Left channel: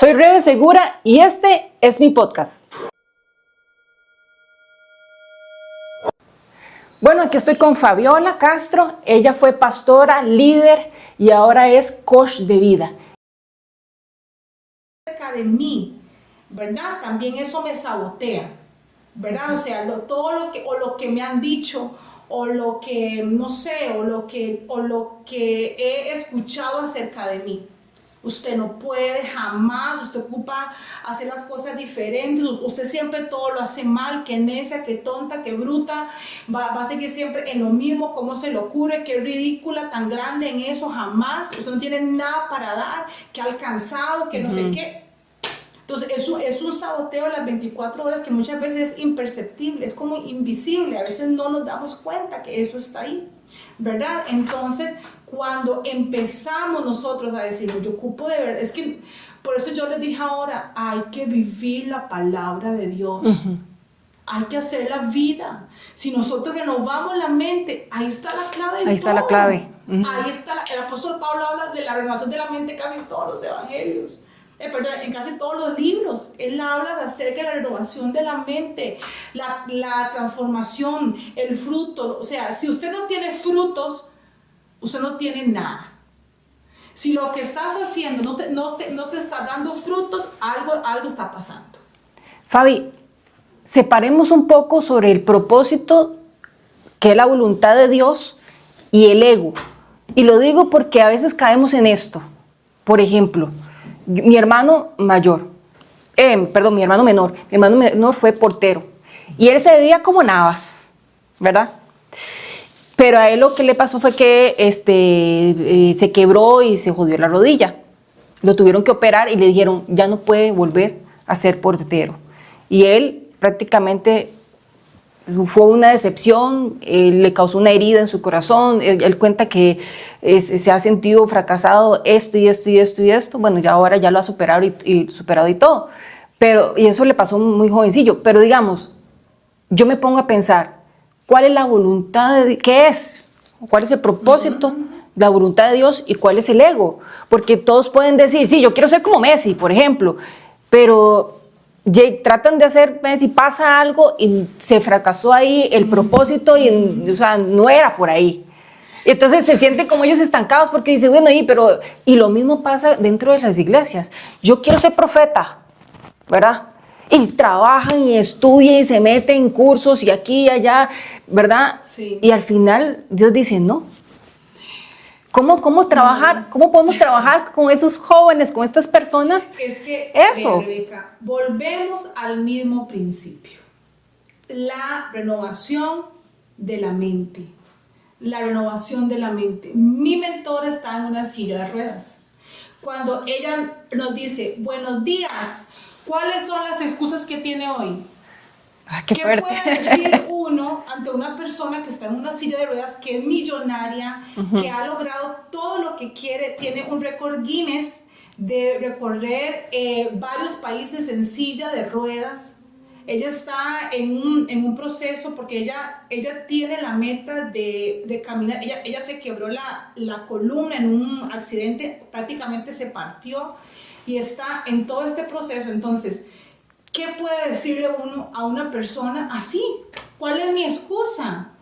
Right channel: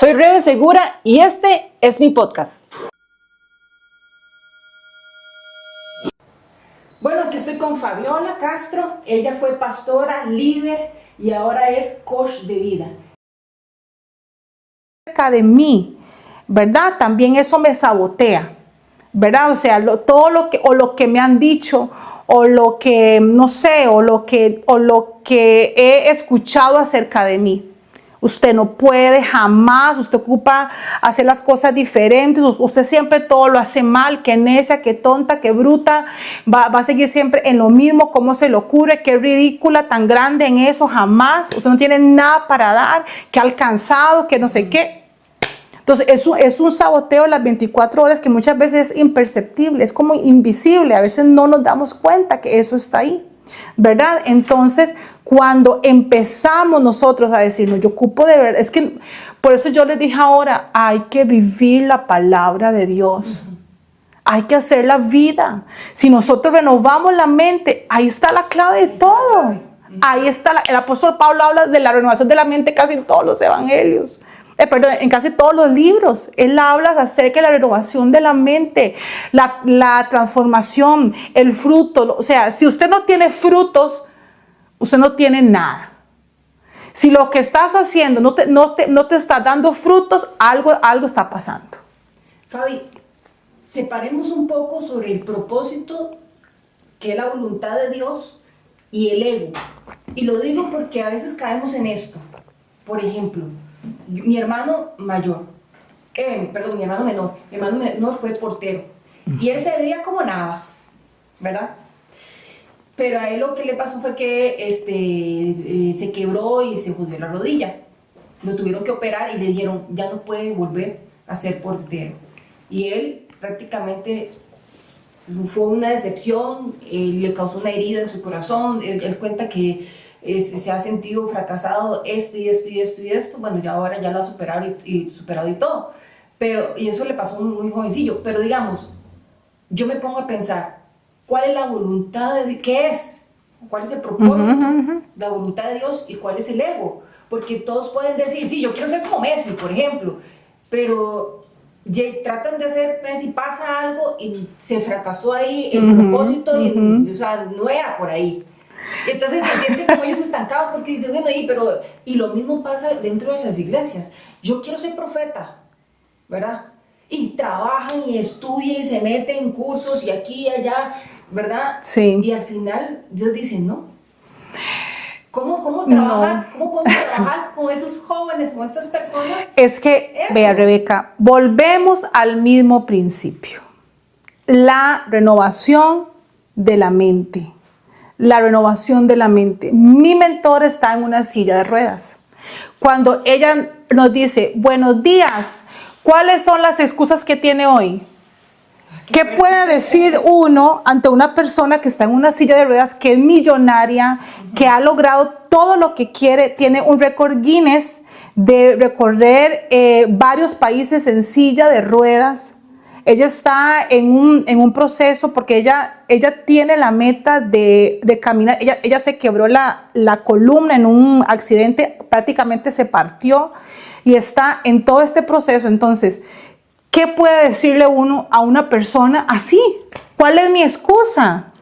Soy Rebe Segura y este es mi podcast. Bueno, aquí estoy con Fabiola Castro. Ella fue pastora, líder y ahora es coach de vida. De mí, ¿verdad? También eso me sabotea, ¿verdad? O sea, todo lo que me han dicho o lo que, no sé, o lo que he escuchado acerca de mí. Usted no puede jamás, usted ocupa hacer las cosas diferentes, usted siempre todo lo hace mal, que necia, que tonta, que bruta, va a seguir siempre en lo mismo, cómo se le ocurre, qué ridícula, tan grande en eso, jamás, usted no tiene nada para dar, que ha alcanzado, que no sé qué. Entonces es un saboteo las 24 horas que muchas veces es imperceptible, es como invisible, a veces no nos damos cuenta que eso está ahí, ¿verdad? Entonces, cuando empezamos nosotros a decirnos, yo ocupo de ver, es que por eso yo les dije ahora, hay que vivir la palabra de Dios. Hay que hacer la vida. Si nosotros renovamos la mente, ahí está la clave de todo. Ahí está la clave. Ahí está, el apóstol Pablo habla de la renovación de la mente casi en todos los evangelios. Perdón, en casi todos los libros. Él habla acerca de la renovación de la mente, la transformación, el fruto. O sea, si usted no tiene frutos, usted no tiene nada. Si lo que estás haciendo no te está dando frutos, algo está pasando. Fabi, separemos un poco sobre el propósito, que es la voluntad de Dios, y el ego. Y lo digo porque a veces caemos en esto. Por ejemplo, mi hermano menor fue portero. Y él se veía como Navas, ¿verdad? Pero a él lo que le pasó fue que se quebró y se jodió la rodilla. Lo tuvieron que operar y le dijeron, ya no puede volver a ser portero. Y él prácticamente fue una decepción, le causó una herida en su corazón. Él cuenta que se ha sentido fracasado esto. Bueno, ya ahora ya lo ha superado y todo. Y eso le pasó muy jovencillo. Pero digamos, yo me pongo a pensar, ¿cuál es la voluntad de Dios? ¿Qué es? ¿Cuál es el propósito? La voluntad de Dios y cuál es el ego. Porque todos pueden decir, sí, yo quiero ser como Messi, por ejemplo, pero tratan de hacer Messi, pasa algo y se fracasó ahí el propósito o sea, no era por ahí. Entonces se sienten como ellos estancados porque dicen, bueno, y lo mismo pasa dentro de las iglesias. Yo quiero ser profeta, ¿verdad? Y trabajan y estudian y se meten en cursos y aquí y allá, ¿verdad? Sí. Y al final Dios dice, no. ¿Cómo trabajar? No. ¿Cómo podemos trabajar con esos jóvenes, con estas personas? Es que, vea, Rebeca, volvemos al mismo principio. La renovación de la mente. La renovación de la mente. Mi mentor está en una silla de ruedas. Cuando ella nos dice, buenos días, ¿cuáles son las excusas que tiene hoy? ¿Qué puede decir uno ante una persona que está en una silla de ruedas, que es millonaria, que ha logrado todo lo que quiere, tiene un récord Guinness de recorrer varios países en silla de ruedas? Ella está en un proceso porque ella tiene la meta de caminar. Ella se quebró la columna en un accidente, prácticamente se partió y está en todo este proceso. Entonces, ¿qué puede decirle uno a una persona así? ¿Cuál es mi excusa?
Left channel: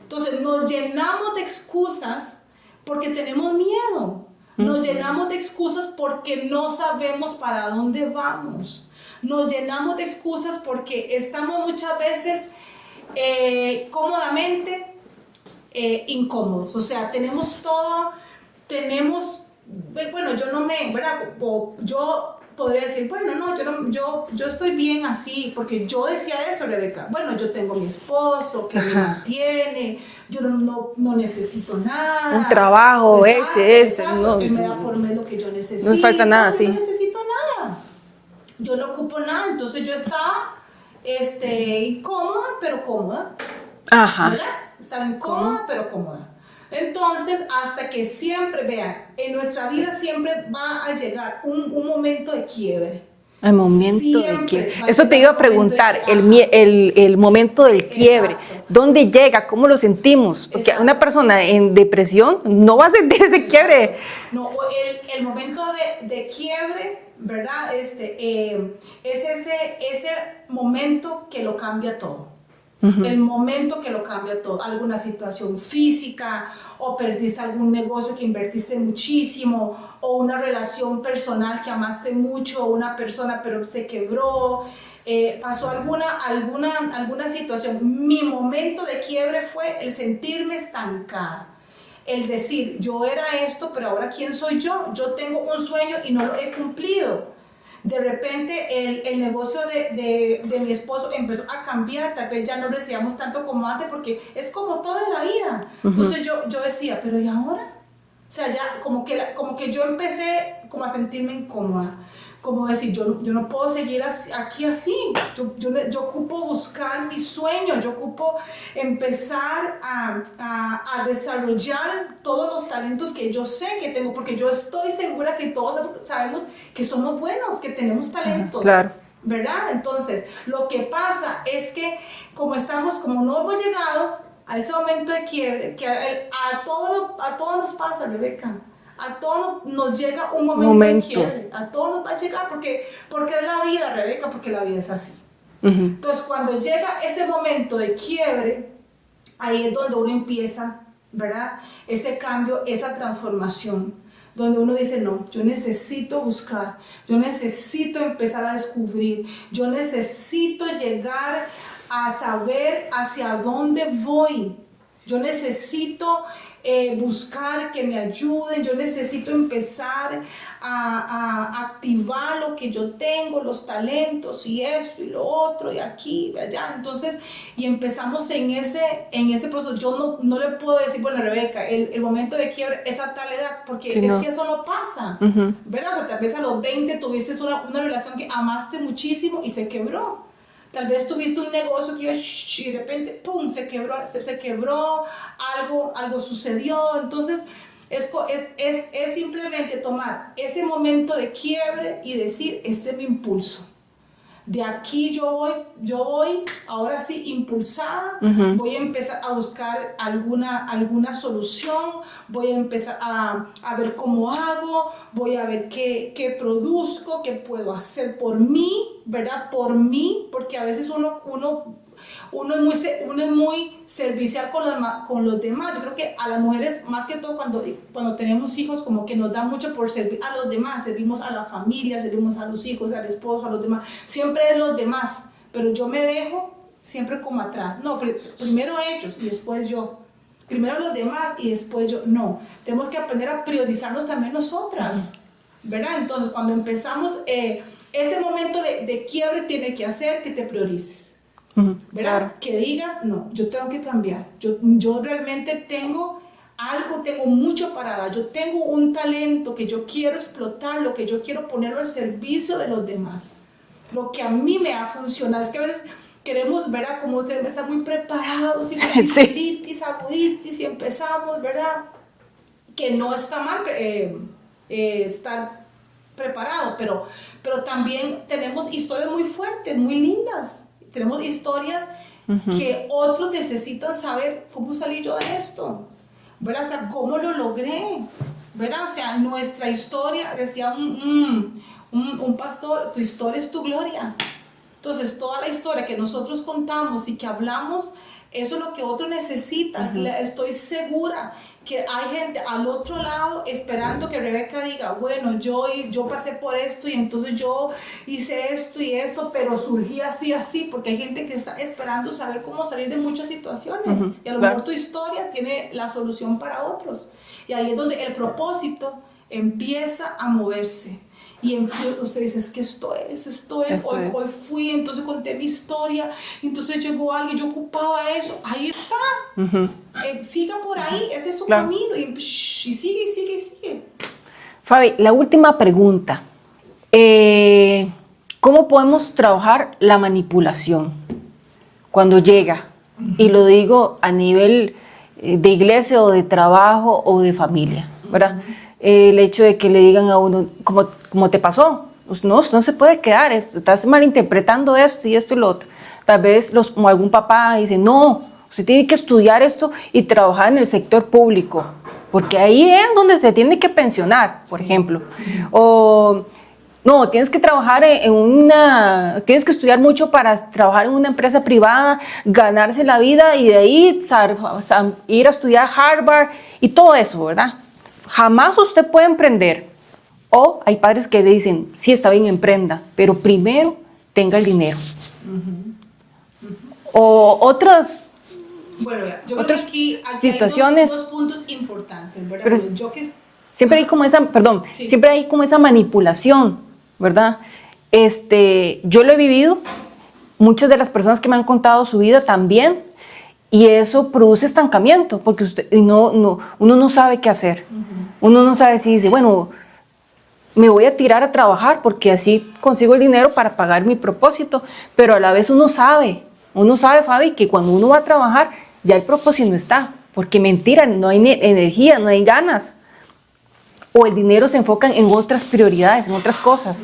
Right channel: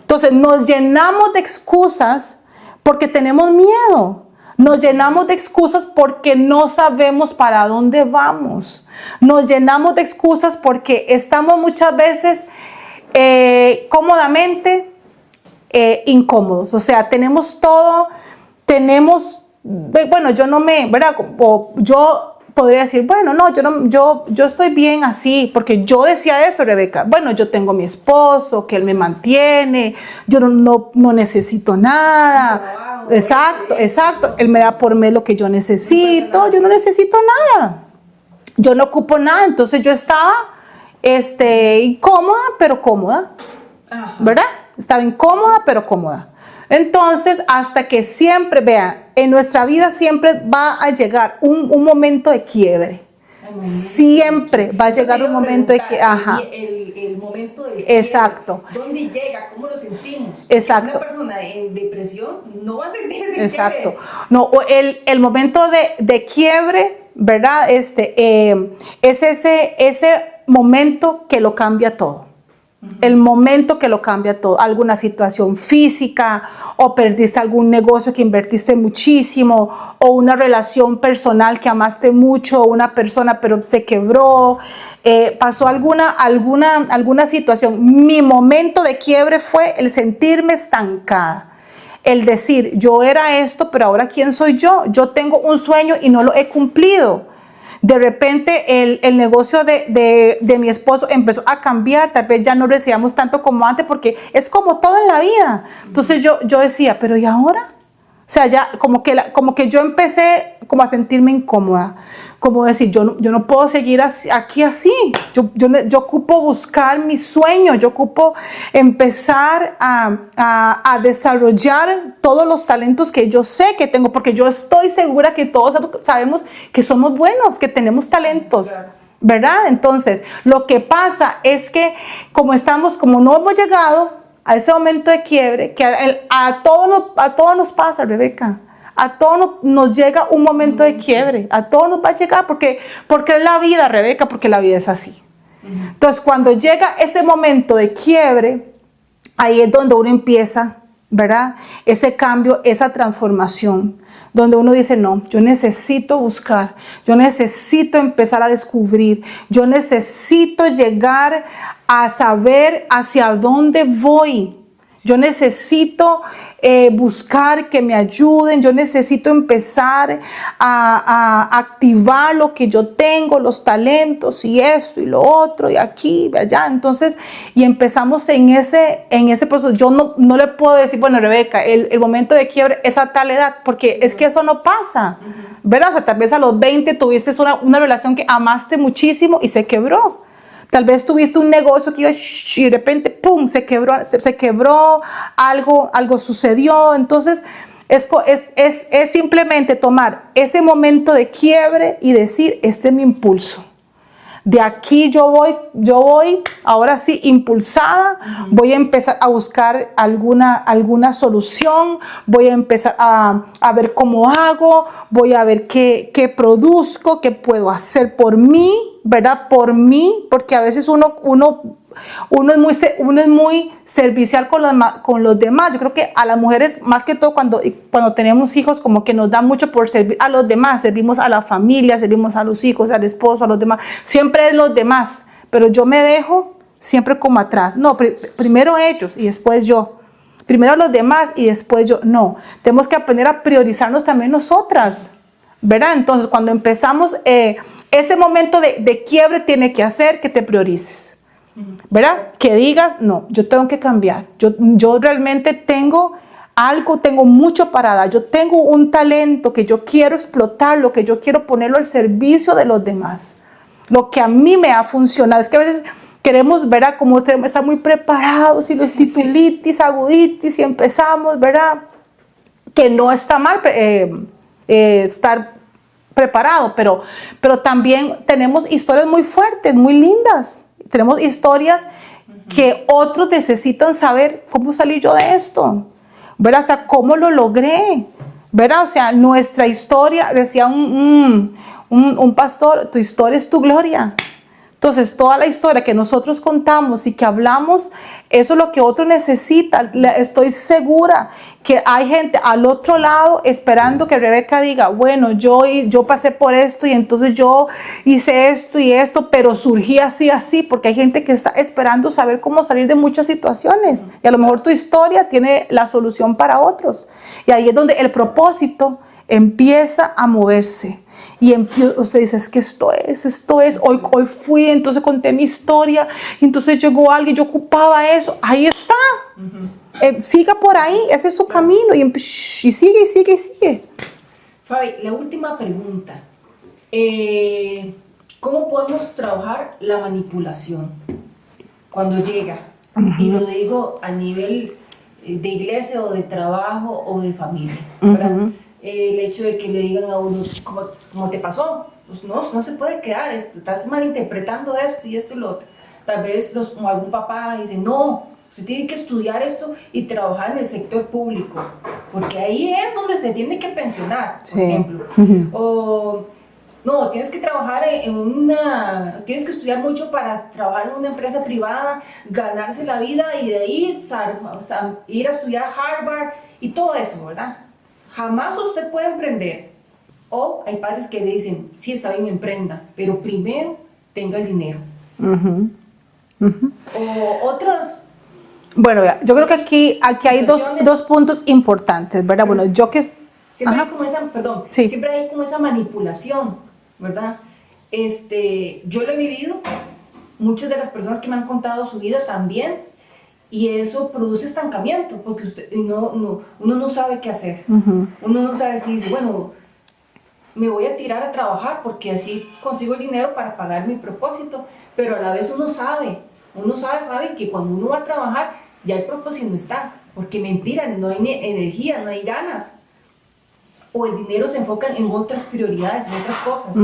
Entonces nos llenamos de excusas porque tenemos miedo. Nos llenamos de excusas porque no sabemos para dónde vamos. Nos llenamos de excusas porque estamos muchas veces cómodamente incómodos. O sea, tenemos todo, bueno, yo no me, ¿verdad? Yo podría decir, bueno, no, yo estoy bien así, porque yo decía eso, Rebeca. Bueno, yo tengo mi esposo, que él me mantiene, yo no necesito nada. Un trabajo. Exacto. Él me da por mes lo que yo necesito. No nada, yo no necesito nada. Yo no ocupo nada. Entonces yo estaba incómoda, pero cómoda. Ajá. ¿Verdad? Estaba incómoda, pero cómoda. Entonces, hasta que siempre, vean, en nuestra vida siempre va a llegar un momento de quiebre. Siempre va a Eso llegar te iba un a momento preguntar, el momento del quiebre. Exacto. ¿Dónde llega? ¿Cómo lo sentimos? Porque exacto. Una persona en depresión no va a sentir ese quiebre. No, el momento de quiebre ¿verdad? Es ese momento que lo cambia todo. El momento que lo cambia todo. Alguna situación física, o perdiste algún negocio que invertiste muchísimo, o una relación personal que amaste mucho, o una persona pero se quebró, pasó alguna situación. Mi momento de quiebre fue el sentirme estancada. El decir, yo era esto, pero ahora ¿quién soy yo? Yo tengo un sueño y no lo he cumplido. De repente el negocio de mi esposo empezó a cambiar, tal vez ya no recibíamos tanto como antes, porque es como todo en la vida. Entonces yo decía, pero ¿y ahora? O sea, ya como que yo empecé como a sentirme incómoda, como decir, yo no puedo seguir aquí así, yo ocupo buscar mi sueño, yo ocupo empezar a desarrollar todos los talentos que yo sé que tengo, porque yo estoy segura que todos sabemos que somos buenos, que tenemos talentos. Claro. ¿Verdad? Entonces, lo que pasa es que como no hemos llegado a ese momento de quiebre, que a todos nos pasa, Rebeca. A todos nos llega un momento de quiebre. A todos nos va a llegar porque es la vida, Rebeca, porque la vida es así. Entonces, cuando llega ese momento de quiebre, ahí es donde uno empieza, ¿verdad? Ese cambio, esa transformación, donde uno dice, no, yo necesito buscar, yo necesito empezar a descubrir, yo necesito llegar a saber hacia dónde voy. Yo necesito buscar que me ayuden, yo necesito empezar a activar lo que yo tengo, los talentos y esto y lo otro y aquí y allá. Entonces, y empezamos en ese proceso. Yo no le puedo decir, bueno, Rebeca, el momento de quiebre es a tal edad, porque sí, es que eso no pasa, ¿verdad? O sea, tal vez a los 20 tuviste una relación que amaste muchísimo y se quebró. Tal vez tuviste un negocio que iba y de repente, ¡pum!, se quebró, algo sucedió. Entonces, es simplemente tomar ese momento de quiebre y decir, este es mi impulso. De aquí yo voy, ahora sí, impulsada, voy a empezar a buscar alguna solución, voy a empezar a ver cómo hago, voy a ver qué produzco, qué puedo hacer por mí, ¿verdad? Por mí, porque a veces uno es muy servicial con los demás. Yo creo que a las mujeres, más que todo cuando tenemos hijos, como que nos da mucho por servir a los demás. Servimos a la familia, servimos a los hijos, al esposo, a los demás. Siempre es los demás, pero yo me dejo siempre como atrás. No, primero ellos y después yo. Primero los demás y después yo. No, tenemos que aprender a priorizarnos también nosotras, ¿verdad? Entonces, cuando empezamos, ese momento de quiebre tiene que hacer que te priorices. ¿Verdad? Claro. Que digas, no, yo tengo que cambiar. Yo realmente tengo algo, tengo mucho para dar. Yo tengo un talento que yo quiero explotar, lo que yo quiero ponerlo al servicio de los demás. Lo que a mí me ha funcionado. Es que a veces queremos, ¿verdad? Como estar muy preparados y los titulitis, aguditis y empezamos, ¿verdad? Que no está mal estar preparado, pero también tenemos historias muy fuertes, muy lindas. Tenemos historias que otros necesitan saber cómo salí yo de esto, ¿verdad? O sea, cómo lo logré, ¿verdad? O sea, nuestra historia, decía un pastor, tu historia es tu gloria. Entonces, toda la historia que nosotros contamos y que hablamos, eso es lo que otro necesita. Estoy segura que hay gente al otro lado esperando que Rebeca diga, bueno, yo pasé por esto y entonces yo hice esto y esto, pero surgí así, porque hay gente que está esperando saber cómo salir de muchas situaciones. Y a lo mejor tu historia tiene la solución para otros. Y ahí es donde el propósito empieza a moverse. Y usted dice, es que esto es. Hoy fui, entonces conté mi historia, entonces llegó alguien, yo ocupaba eso. Ahí está. Siga por ahí, ese es su camino. Y sigue. Fabi, la última pregunta. ¿Cómo podemos trabajar la manipulación cuando llega? Y lo digo a nivel de iglesia o de trabajo o de familia, ¿verdad? El hecho de que le digan a uno, como te pasó, pues no se puede quedar, estás malinterpretando esto y lo otro. Tal vez algún papá dice, no, usted tiene que estudiar esto y trabajar en el sector público, porque ahí es donde se tiene que pensionar, por ejemplo. O No, tienes que trabajar tienes que estudiar mucho para trabajar en una empresa privada, ganarse la vida y de ahí ir a estudiar a Harvard y todo eso, ¿verdad? Jamás usted puede emprender. O hay padres que le dicen, sí, está bien, emprenda, pero primero tenga el dinero. O otras... Bueno, yo creo que aquí hay dos puntos importantes, ¿verdad? Bueno, yo que... Siempre hay como siempre hay como esa manipulación, ¿verdad? Yo lo he vivido, muchas de las personas que me han contado su vida también, y eso produce estancamiento, porque uno no sabe qué hacer. Uno no sabe si dice, bueno, me voy a tirar a trabajar porque así consigo el dinero para pagar mi propósito, pero a la vez uno sabe, Fabi, que cuando uno va a trabajar, ya el propósito no está, porque mentira, no hay energía, no hay ganas. O el dinero se enfoca en otras prioridades, en otras cosas,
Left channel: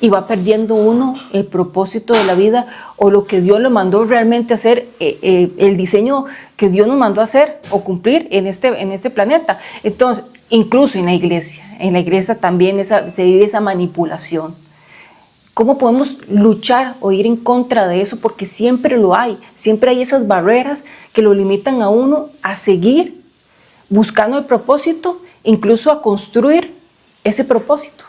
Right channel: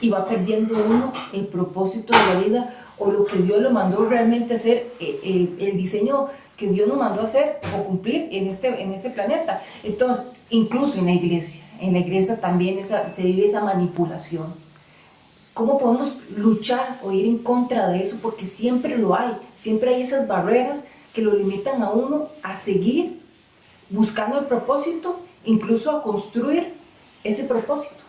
y va perdiendo uno el propósito de la vida o lo que Dios lo mandó realmente a hacer, el diseño que Dios nos mandó a hacer o cumplir en este planeta. Entonces, incluso en la iglesia también se vive esa manipulación. ¿Cómo podemos luchar o ir en contra de eso? Porque siempre hay esas barreras que lo limitan a uno a seguir buscando el propósito, incluso a construir ese propósito.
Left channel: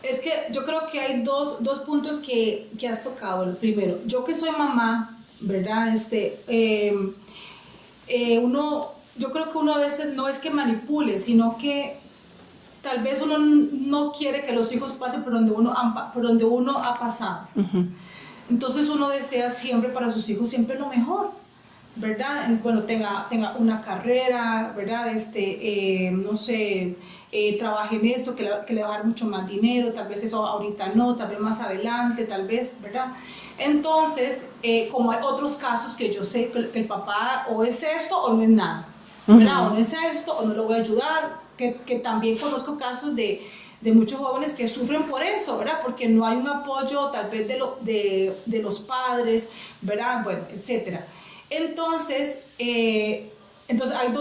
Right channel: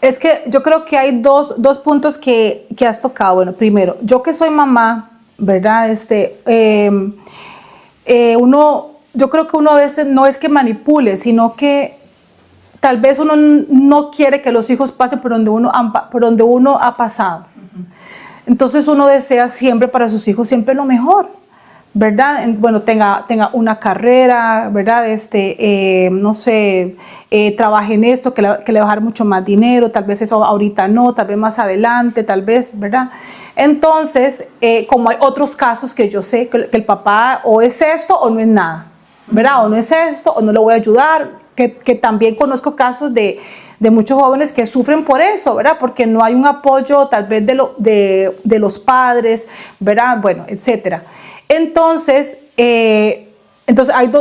Es que yo creo que hay dos puntos que has tocado. Bueno, primero, yo que soy mamá, ¿verdad? Yo creo que uno a veces no es que manipule, sino que tal vez uno no quiere que los hijos pasen por donde uno ha pasado. Entonces uno desea siempre para sus hijos siempre lo mejor, ¿verdad? Bueno, tenga una carrera, ¿verdad? No sé, trabaje en esto, que le va a dejar mucho más dinero, tal vez eso ahorita no, tal vez más adelante, tal vez, ¿verdad? Entonces, como hay otros casos que yo sé que el papá o es esto o no es nada, ¿verdad? O no es esto o no le voy a ayudar, que también conozco casos de muchos jóvenes que sufren por eso, ¿verdad? Porque no hay un apoyo tal vez de los padres, ¿verdad? Bueno, etcétera. Entonces hay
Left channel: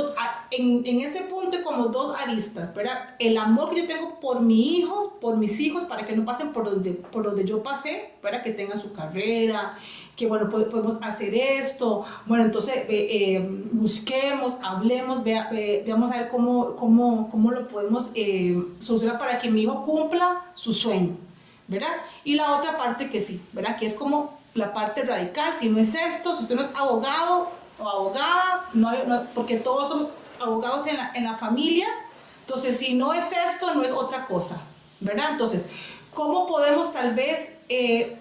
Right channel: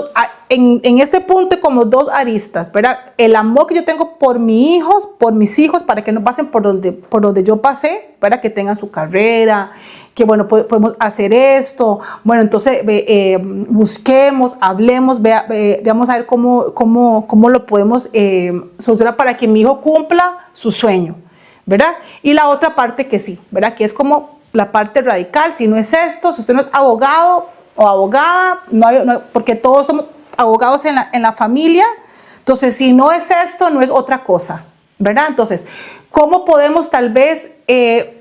en este punto hay como dos aristas, ¿verdad? El amor que yo tengo por mis hijos, para que no pasen por donde yo pasé, ¿verdad? Que tengan su carrera, que bueno, podemos hacer esto. Bueno, entonces busquemos, hablemos, veamos a ver cómo lo podemos solucionar para que mi hijo cumpla su sueño, ¿verdad? Y la otra parte que sí, ¿verdad? Que es como la parte radical, si no es esto, si usted no es abogado o abogada, porque todos somos abogados en la familia, entonces si no es esto, no es otra cosa, ¿verdad? Entonces, ¿cómo podemos tal vez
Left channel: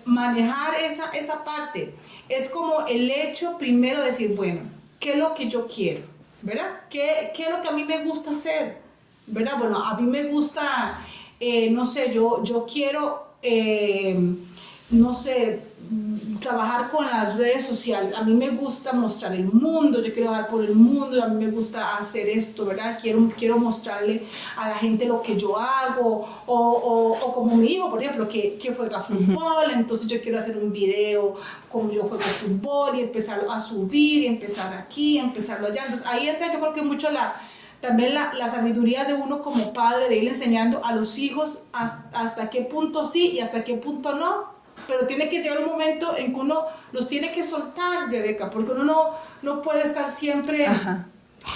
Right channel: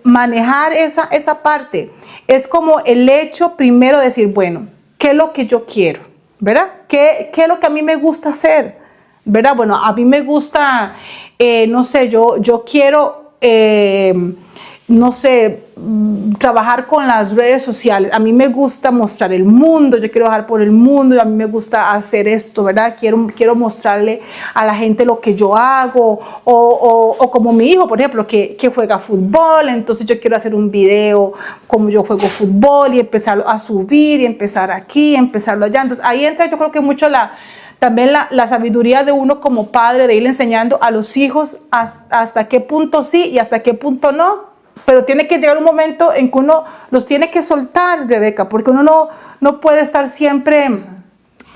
manejar esa parte? Es como el hecho primero de decir, bueno, ¿qué es lo que yo quiero? ¿Verdad? ¿Qué es lo que a mí me gusta hacer? ¿Verdad? Bueno, a mí me gusta, no sé, yo quiero... no sé, trabajar con las redes sociales. A mí me gusta mostrar el mundo, yo quiero viajar por el mundo, a mí me gusta hacer esto, ¿verdad? Quiero mostrarle a la gente lo que yo hago, o como mi hijo, por ejemplo, que juega fútbol, entonces yo quiero hacer un video como yo juego fútbol y empezarlo a subir y empezar aquí, empezarlo allá. Entonces ahí entra yo creo que mucho también la sabiduría de uno como padre, de ir enseñando a los hijos hasta qué punto sí y hasta qué punto no. Pero tiene que llegar un momento en que uno los tiene que soltar, Rebeca, porque uno no puede estar siempre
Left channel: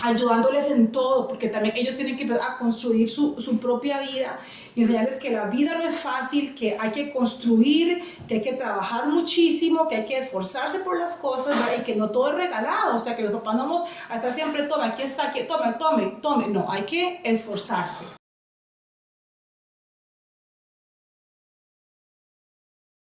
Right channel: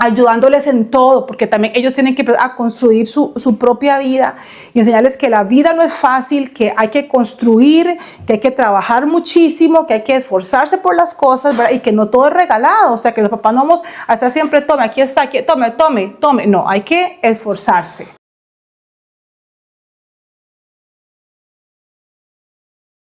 ayudándoles en todo, porque también ellos tienen que empezar a construir su propia vida y enseñarles que la vida no es fácil, que hay que construir, que hay que trabajar muchísimo, que hay que esforzarse por las cosas, ¿verdad? Y que no todo es regalado, o sea, que los papás no vamos a estar siempre, tome, aquí está, aquí, tome, no, hay que esforzarse,